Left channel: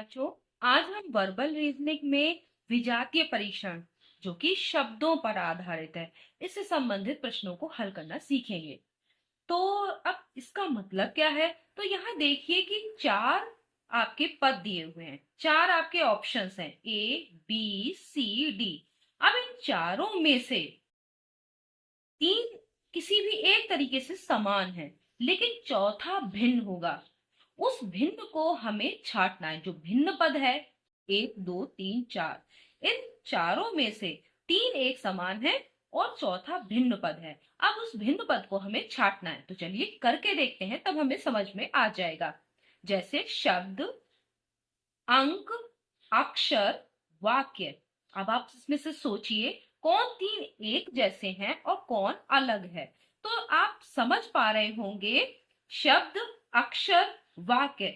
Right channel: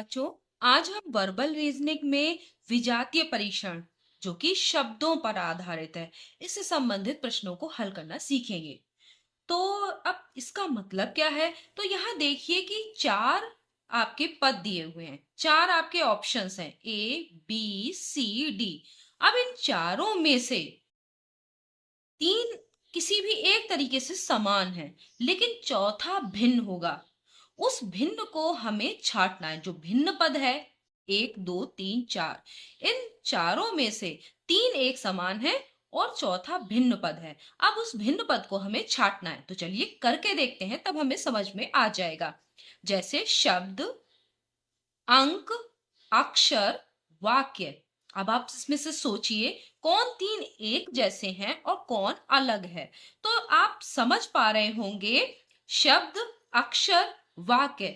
बच्चों, आज हम वर्बल रीजनिंग में विजातीय परीक्षण जो कि शब्दों पर आधारित है, इससे संबंधित प्रश्नों को हल करना सीखेंगे। तो अब इसका मतलब क्या है? तो यहाँ देखिए कि चार आपके पद दिए हुए हैं, चार आपके ऑप्शंस हैं, ए बी सी डी। अब इन चारों में से तीन किसी भी एक तरीके से समान है, लेकिन चौथा भिन्न होगा। उस भिन्न को हमें छांटना है। जो भिन्न पद है, एक दो तीन चार, इन चारों में से तीन एक समान है और चौथा भिन्न पद है। अब उस भिन्न पद को हमें छांटना है, तो चलिए करके देखते हैं, तब हमें समझ में आ जाएगा। जैसे शब्द, अंक, अक्षर, वाक्य। अब आप इसमें से सोचिए कौन तीन एक जैसे हैं और कौन अलग है। तो आप समझ पा रहे होंगे, शब्द, अक्षर, वाक्य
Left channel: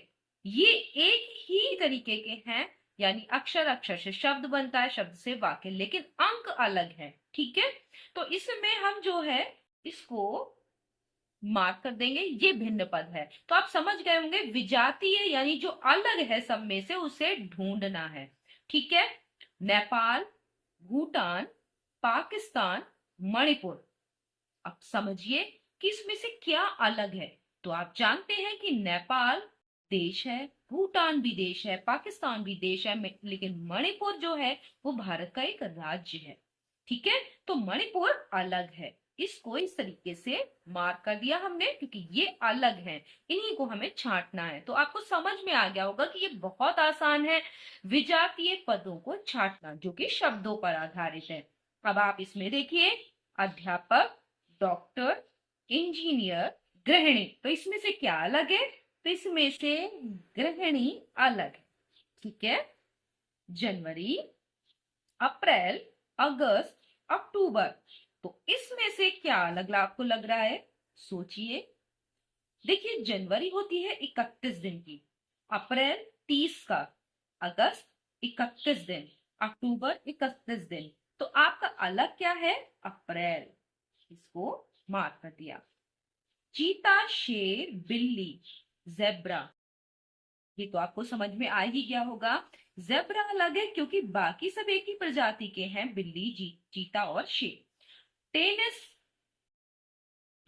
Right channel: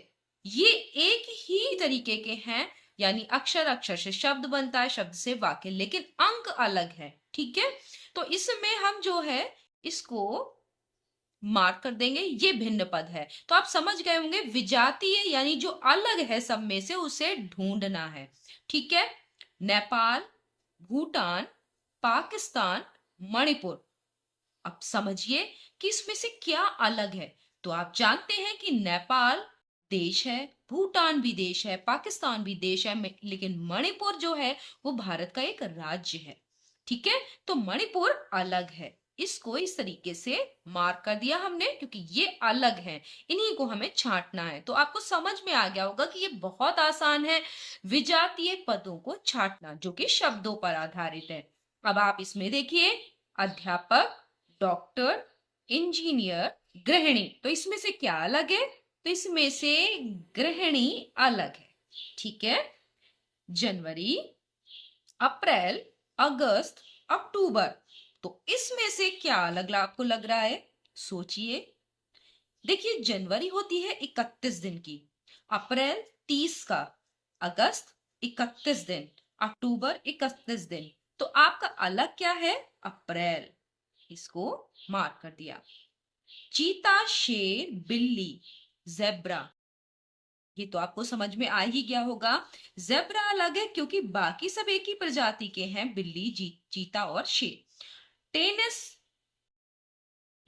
ये एक ही तरीके के हैं, यानी अक्षर अक्षर से शब्द बनता है, शब्द से वाक्य, लेकिन अंक अलग है। ठीक है, तो इसमें हम जो है इसको मार्क कर देंगे, ये भिन्न पद है। तो आप समझ गए होंगे, विजातीय यानी जो अलग है सब में से उसे ढूंढना है। ठीक है, नेपाल, भूटान, पाकिस्तान, मणिपुर। अब समझिए कि इसमें से क्या अलग है। तो आप जानते हैं कि नेपाल देश है, भूटान भी देश है, पाकिस्तान भी देश है, लेकिन मणिपुर जो है वो भारत का एक राज्य है। ठीक है, तो मणिपुर अलग है। इसको इस तरीके से मार्क कर दिया हमने, क्योंकि ये अलग है, इन्हीं को हमें छांटना है। तो आपको समझ में आ गया होगा कि ये बहुत आसान है, विजातीय पदों को छांटना जो कि शब्दों पर आधारित है। अब आप इसमें देखिए, अध्यापक, डॉक्टर, इंजीनियर, गृहिणी। तो इसमें से क्या अलग है? तो इसमें से गृहिणी अलग है। ठीक है, जनवरी, अप्रैल, अगस्त, अक्टूबर। तो इसमें से क्या अलग आपको लग रहा है? सोचिए। देखिए, जनवरी होती है 31 दिन की, अप्रैल 30 का, अगस्त 31 दिन, अक्टूबर 31 दिन। तो आपका अलग क्या है? अप्रैल। इसको मार्क कर दिया। चीता, शेर, बिल्ली, जेब्रा, ये तो आपको समझ में आ ही गया होगा। जेब्रा अलग है क्योंकि बाकी सब एक ही प्रजाति के हैं, बिल्ली, चीता और शेर। टेनिस,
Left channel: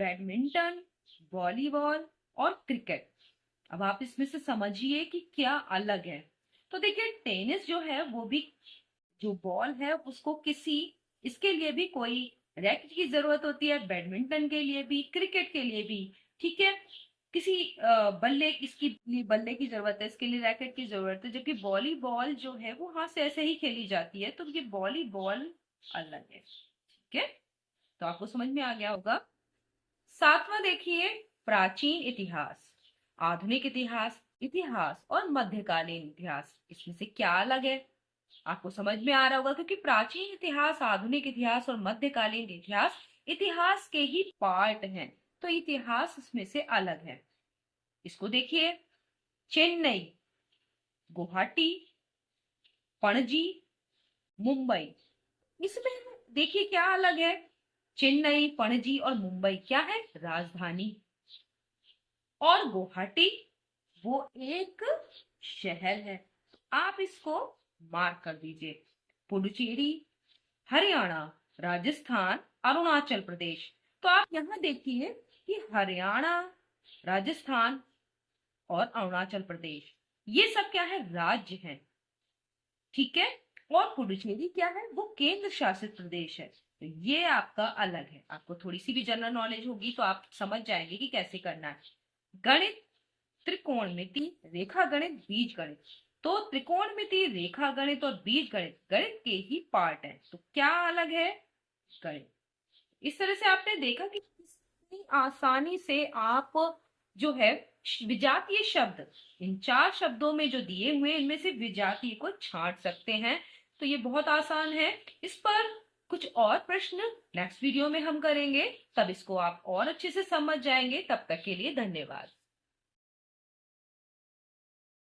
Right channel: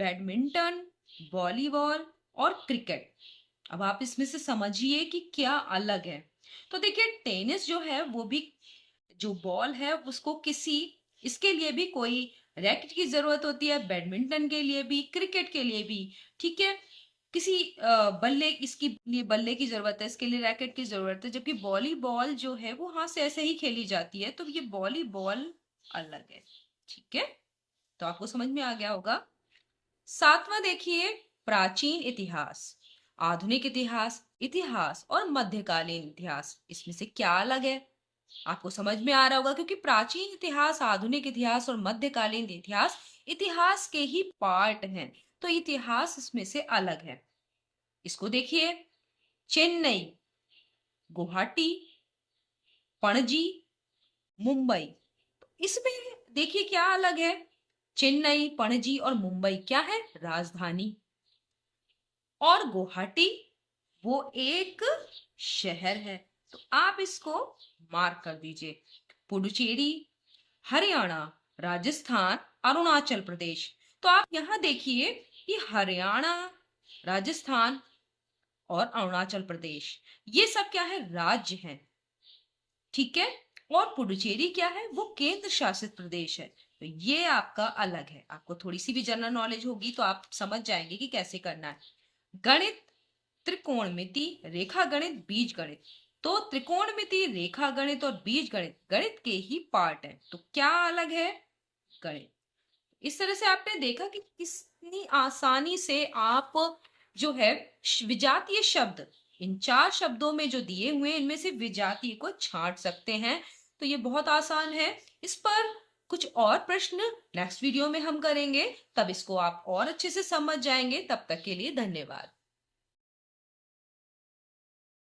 बैडमिंटन, वॉलीबॉल और क्रिकेट। अब आप इसमें से समझिए कि क्या अलग है। तो देखिए, टेनिस जो है वो भी, जो बॉल है उसको किसी, इसके लिए भी कोई रैकेट की जरूरत होती है, बैडमिंटन के लिए भी, क्रिकेट के लिए भी। ठीक है, किसी बल्ले, इसकी लिए बल्ले की जरूरत है, इसके लिए रैकेट की जरूरत है, जबकि वॉलीबॉल जो है वो हाथ से ऐसे ही खेली जाती है, तो ये वॉलीबॉल अलग है। ठीक है, तो आपको समझ में आ गया होगा। सातवां देखिए, प्राचीन इतिहास, आधुनिक इतिहास, इतिहास और मध्यकालीन इतिहास। इसमें से क्या अलग है? आपको समझ में आ रहा होगा, क्योंकि प्राचीन इतिहास, आधुनिक इतिहास और मध्यकालीन इतिहास इतिहास के ही पार्ट हैं, तो इतिहास इसमें से अलग है। इसको देखिए, चेन्नई, गुवाहाटी, पणजी, मुंबई। इसमें देखिए क्या अलग है। चेन्नई, पणजी और मुंबई क्या है? राजधानी। और गुवाहाटी वो एक शहर है। तो आप इसको मार्क कर दीजिए। पुडुचेरी, हरियाणा, राजस्थान, अरुणाचल प्रदेश। तो आप यहां देखिए कि हरियाणा, राजस्थान और अरुणाचल प्रदेश ये सब क्या है? राज्य हैं। ठीक है, और पुडुचेरी क्या है? वो केंद्र शासित प्रदेश है। तो ये आपका अलग है। आपको थोड़ी सी भी जनरल नॉलेज होगी तो आप समझ जाएंगे कि कैसे करना है। गणित, त्रिकोणमिति, रेखा गणित, बीज गणित। तो त्रिकोणमिति, रेखा गणित और बीज गणित गणित के ही पार्ट है। तो क्या अलग है? गणित। इस तरह से आपने देखा कि कितनी आसानी से आप जो है विजातीय शब्द, इन चार शब्दों में जो दिए हुए हैं इनमें से विजातीय को छांट सकते हैं। तो ये बहुत आसान है। इस पर कुछ और प्रश्न नेक्स्ट वीडियो में हम करेंगे, तब इसको आप और अच्छे से समझ जाएंगे। तब तक के लिए धन्यवाद।